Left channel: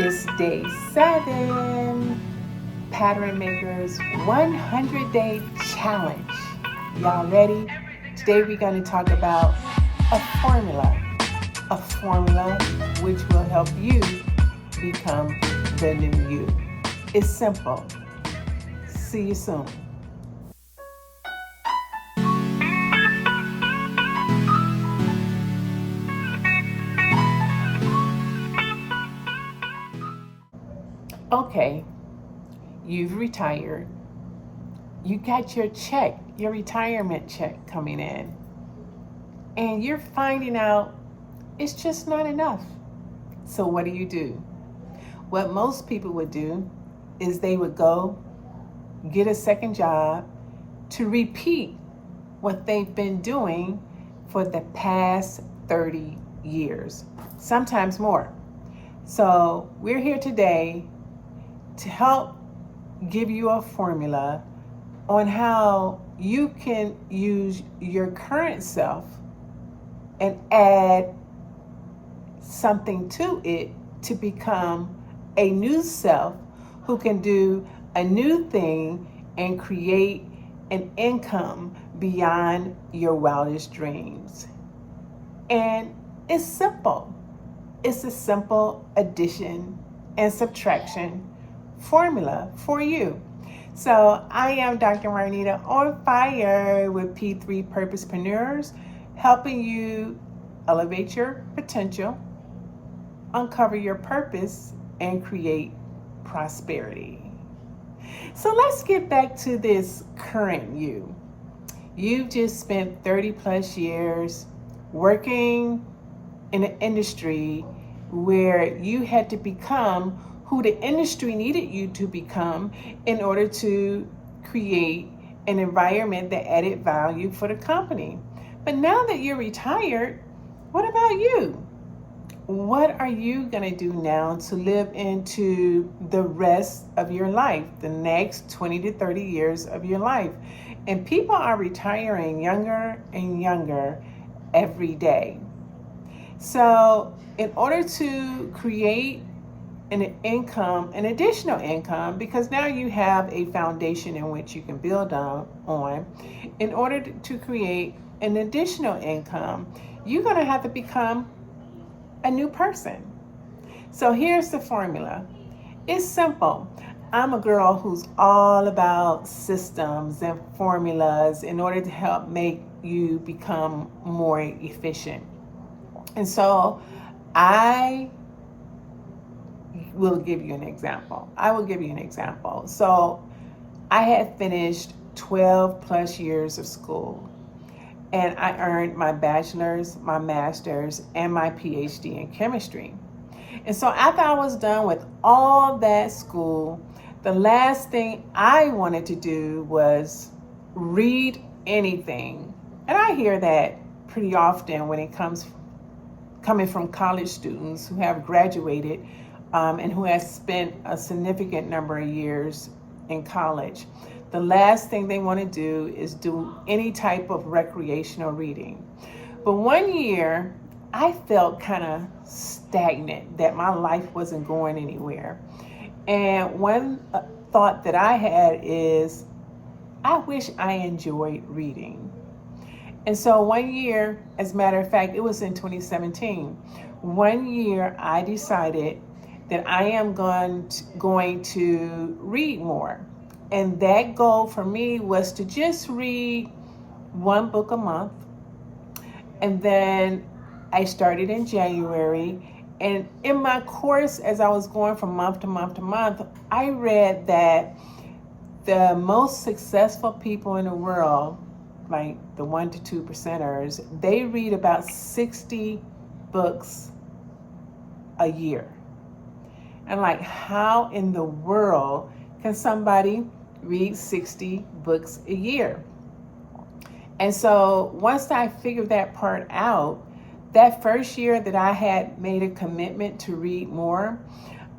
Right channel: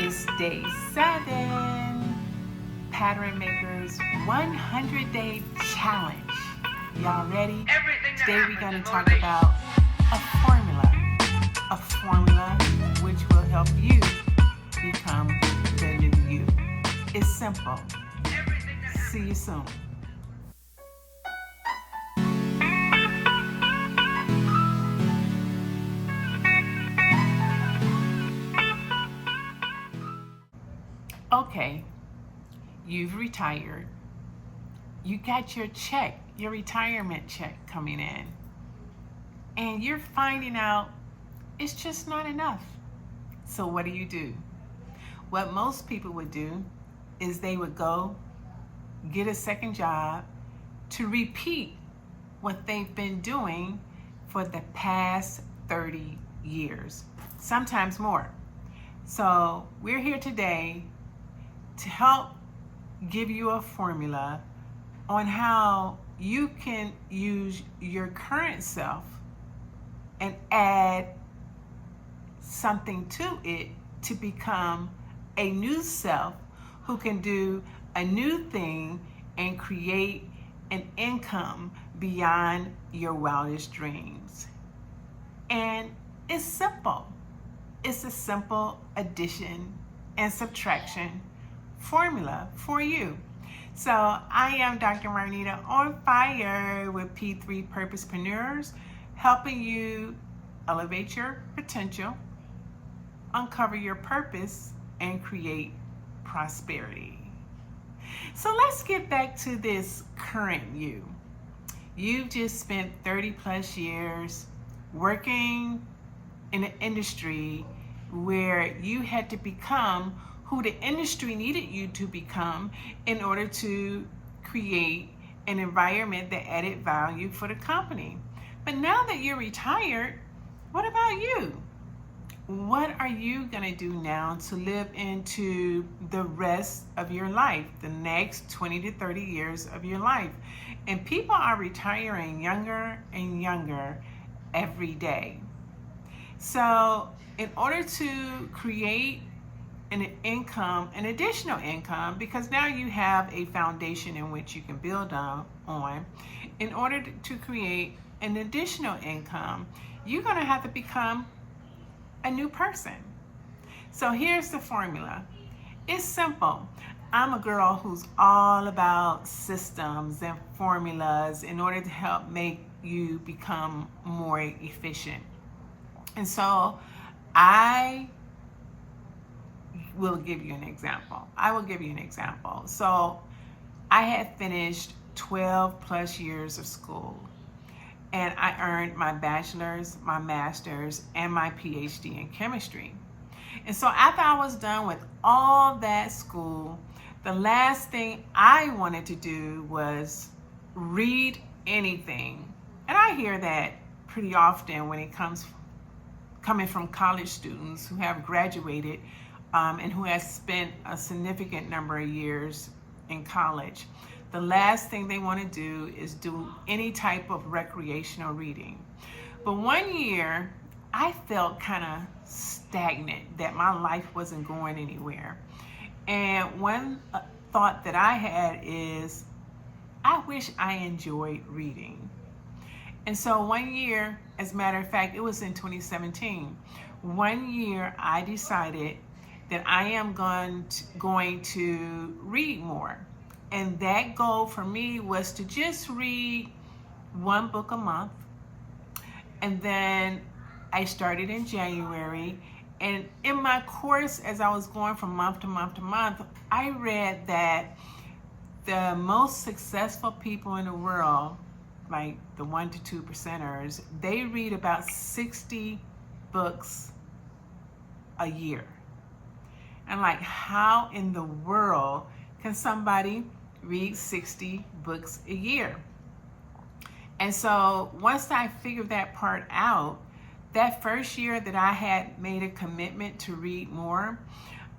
It's day 7, Pattern Makers 100-day challenge. Y'all ready? Today we're going to talk about a formula which will help you become the new you. It's simple. See you soon. Okay, you've retired. You got your check, your retirement check coming in, and you're finding out it's just not enough. So what do? What most people would do is they would go get a second job to repeat what they've been doing for the past 30 years, sometimes more. So we're here today to help give you a formula on how you can use your current self and add something to it to become a new self who can do a new thing and create an income beyond your wildest dreams. And it's simple. It's a simple addition and subtraction formula for you. So I am Dr. Marnita, on fire with P3 Purposepreneurs, helping you elevate your potential, uncover your purpose, and create prosperity. So let's get back to this current you. You've just spent 30 plus years working in an industry where you had to become who the industry needed you to become in order to create an environment that added value for the company. But now that you're retired, what about you? What are you gonna do now to live into the rest of your life, the next 20 to 30 years of your life? And people are retiring younger and younger every day. So in order to create an income, an additional income, because now you have a foundation in which you can build on, in order to create an additional income, you're gonna have to become a new person. So here's the formula. It's simple. I'm a girl who's all about systems and formulas in order to help make you become more efficient. And so I will give you an example. So I had finished 12 plus years of school, and I earned my bachelor's, my master's, and my PhD in chemistry. And so after I was done with all that school, the last thing I wanted to do was read anything. And I hear that pretty often when it coming from college students who have graduated and who has spent a significant number of years in college. The last thing they want to do is do any type of recreational reading. But one year, I felt kind of stagnant, that my life wasn't going anywhere. And one thought that I had is, I wish I enjoyed reading. And so one year, as a matter of fact, it was in 2017, one year I decided that I am going to read more. And that goal for me was to just read one book a month. And then I started in January. And in my course, as I was going from month to month to month, I read that the most successful people in the world, like the 1 to 2%ers, they read about 60 books a year. And like, how in the world can somebody read 60 books a year? And so once I figured that part out, that first year that I had made a commitment to read more,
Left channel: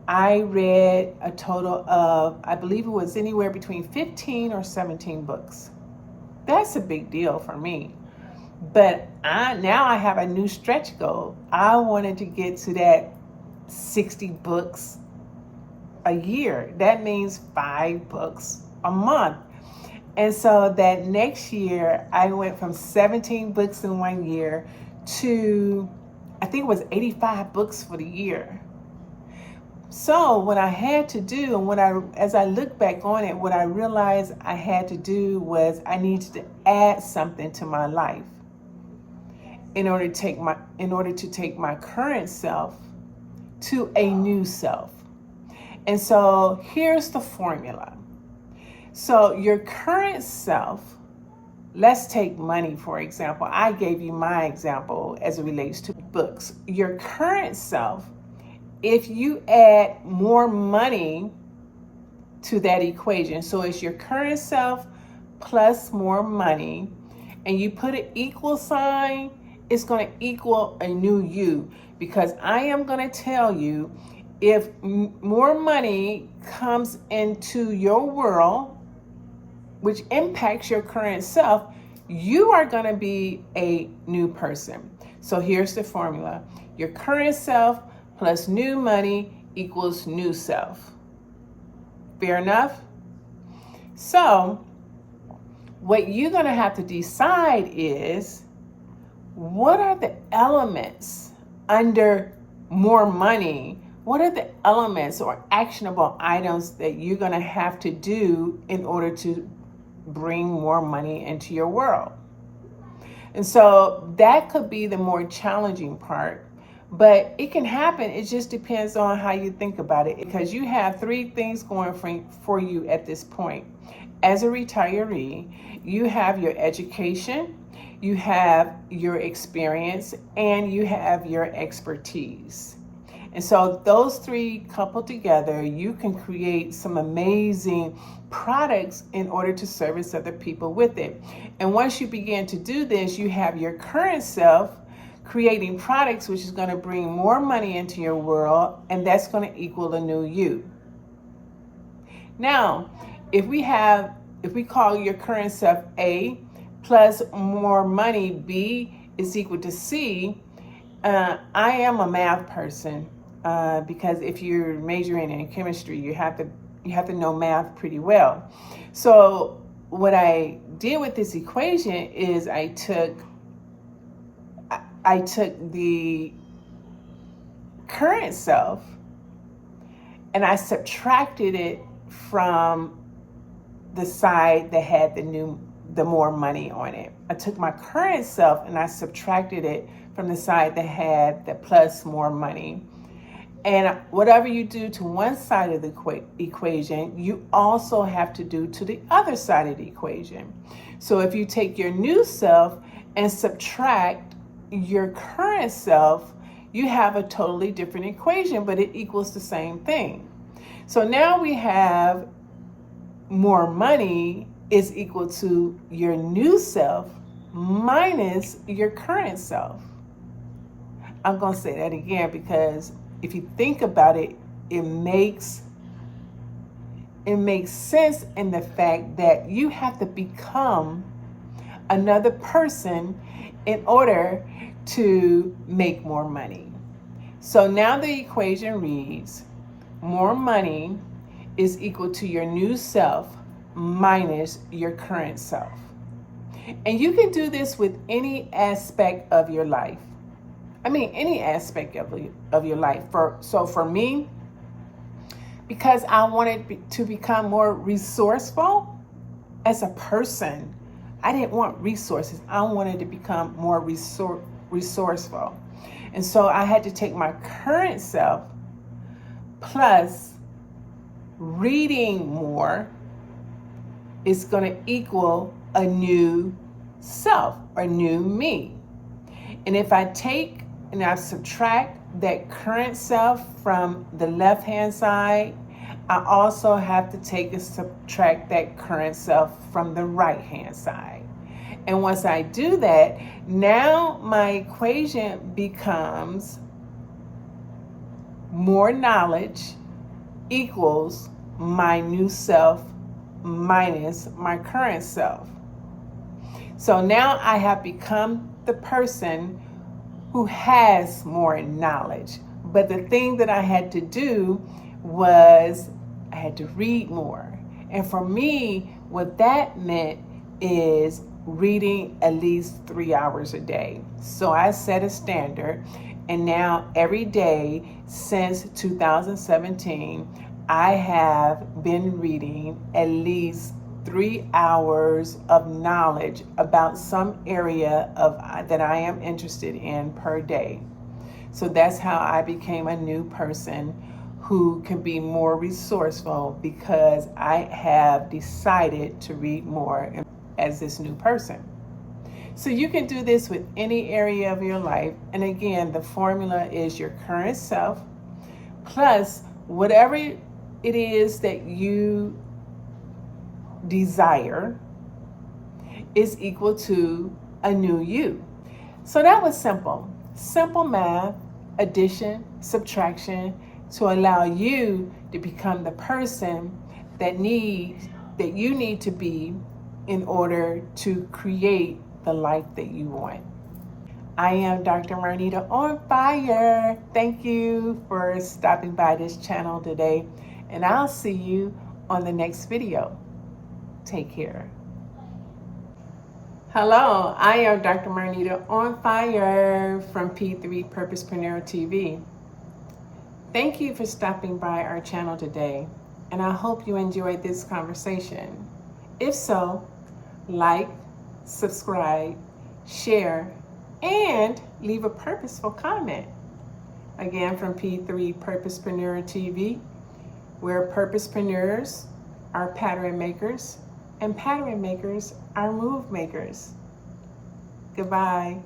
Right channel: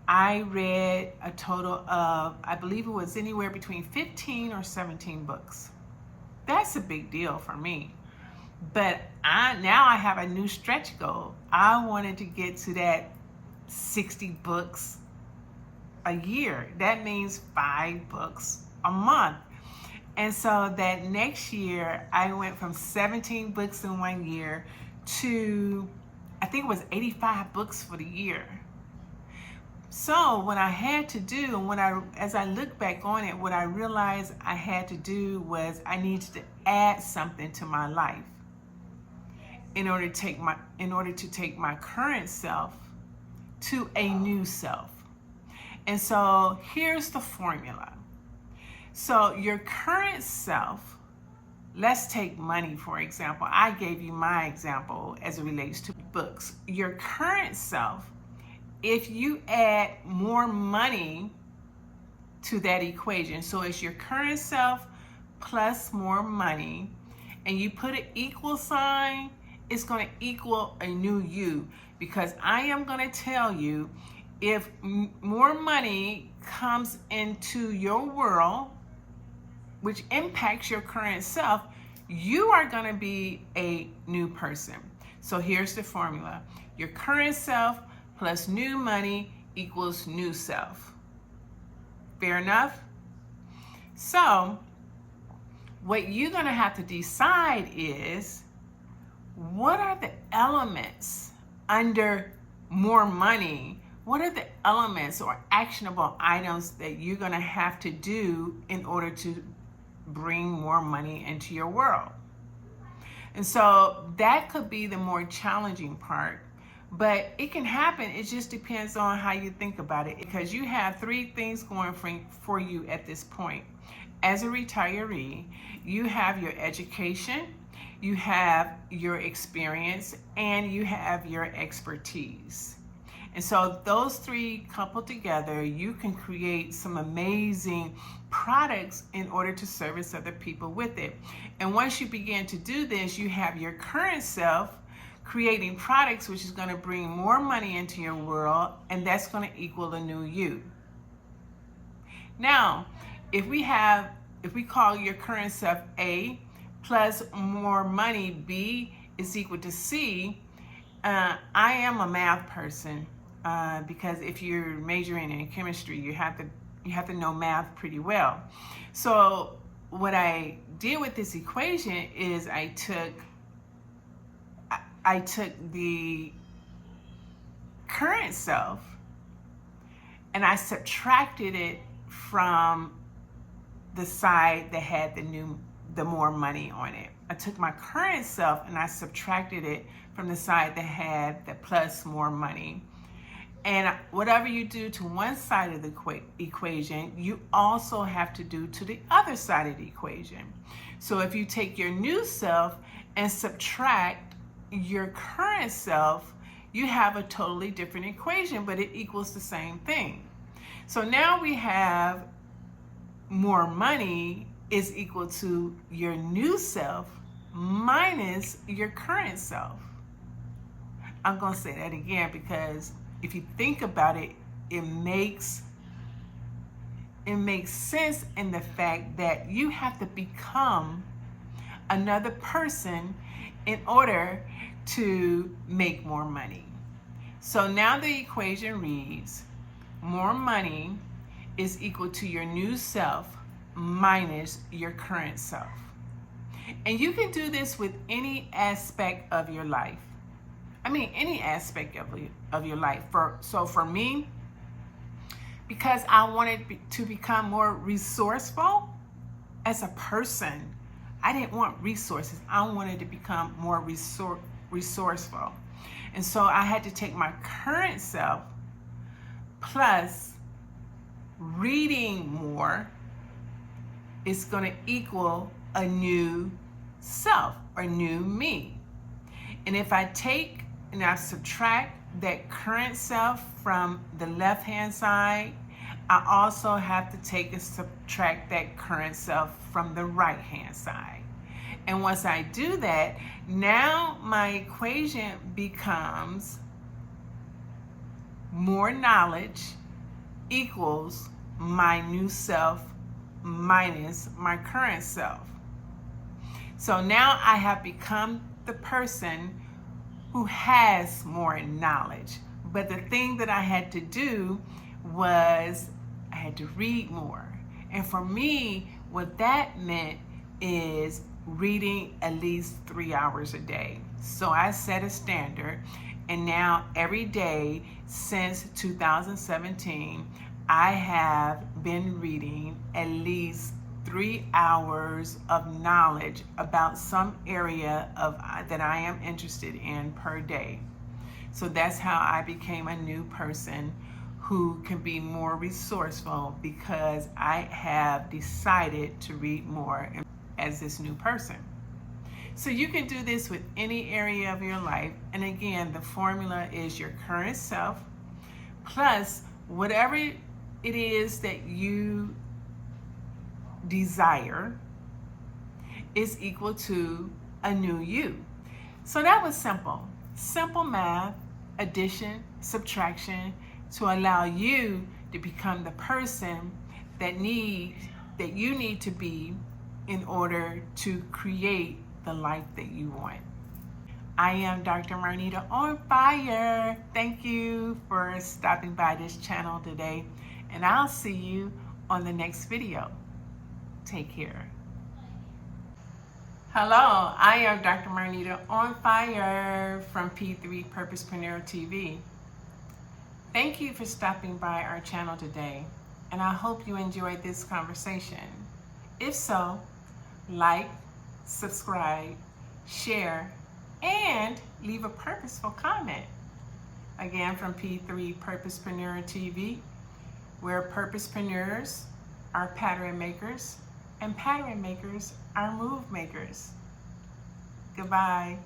I read a total of, I believe it was anywhere between 15 or 17 books. That's a big deal for me. But now I have a new stretch goal. I wanted to get to that 60 books a year. That means 5 books a month. And so that next year, I went from 17 books in 1 year to, I think it was 85 books for the year. So what I had to do, and as I look back on it, what I realized I had to do was I needed to add something to my life in order to take my current self to a new self. And so here's the formula. So your current self, let's take money, for example. I gave you my example as it relates to books. Your current self, if you add more money to that equation, so it's your current self plus more money, and you put an equal sign, it's going to equal a new you. Because I am going to tell you, if more money comes into your world, which impacts your current self, you are going to be a new person. So here's the formula. Your current self plus new money equals new self. Fair enough? So what you're going to have to decide is, what are the elements under more money? What are the elements or actionable items that you're going to have to do in order to bring more money into your world? And so that could be the more challenging part, but it can happen. It just depends on how you think about it, because you have 3 things going for you at this point. As a retiree, you have your education, you have your experience, and you have your expertise. And so those 3 coupled together, you can create some amazing products in order to service other people with it. And once you begin to do this, you have your current self creating products, which is going to bring more money into your world, and that's going to equal a new you. Now, if we call your current self A plus more money, B is equal to C. I am a math person, because if you're majoring in chemistry, you have to know math pretty well. So what I did with this equation is I took the current self and I subtracted it from the side that had the more money on it. I took my current self and I subtracted it from the side that had the plus more money. And whatever you do to one side of the equation, you also have to do to the other side of the equation. So if you take your new self and subtract your current self, you have a totally different equation, but it equals the same thing. So now we have more money is equal to your new self minus your current self. I'm going to say that again, because if you think about it, it makes sense in the fact that you have to become another person in order to make more money. So now the equation reads, more money is equal to your new self minus your current self. And you can do this with any aspect of your life. I mean, any aspect of your life. So for me, because I wanted to become more resourceful as a person, I didn't want resources. I wanted to become more resourceful. And so I had to take my current self plus reading more is going to equal a new self or new me. And if I take and I subtract that current self from the left-hand side, I also have to take and subtract that current self from the right-hand side. And once I do that, now my equation becomes more knowledge equals my new self minus my current self. So now I have become the person who has more knowledge. But the thing that I had to do was I had to read more. And for me, what that meant is reading at least 3 hours a day. So I set a standard, and now every day since 2017, I have been reading at least 3 hours of knowledge about some area that I am interested in per day. So that's how I became a new person who can be more resourceful, because I have decided to read more as this new person. So you can do this with any area of your life. And again, the formula is your current self plus whatever it is that you desire is equal to a new you. So that was simple. Simple math, addition, subtraction, to allow you to become the person that you need to be in order to create the life that you want. I am Dr. Marnita on fire. Thank you for stopping by this channel today, and I'll see you on the next video. Take care. Hello, I am Dr. Marnita on fire from P3 Purposepreneur TV. Thank you for stopping by our channel today, and I hope you enjoyed this conversation. If so, like, subscribe, share, and leave a purposeful comment. Again, from P3 Purposepreneur TV, where purposepreneurs are pattern makers, and pattern makers are move makers. Goodbye.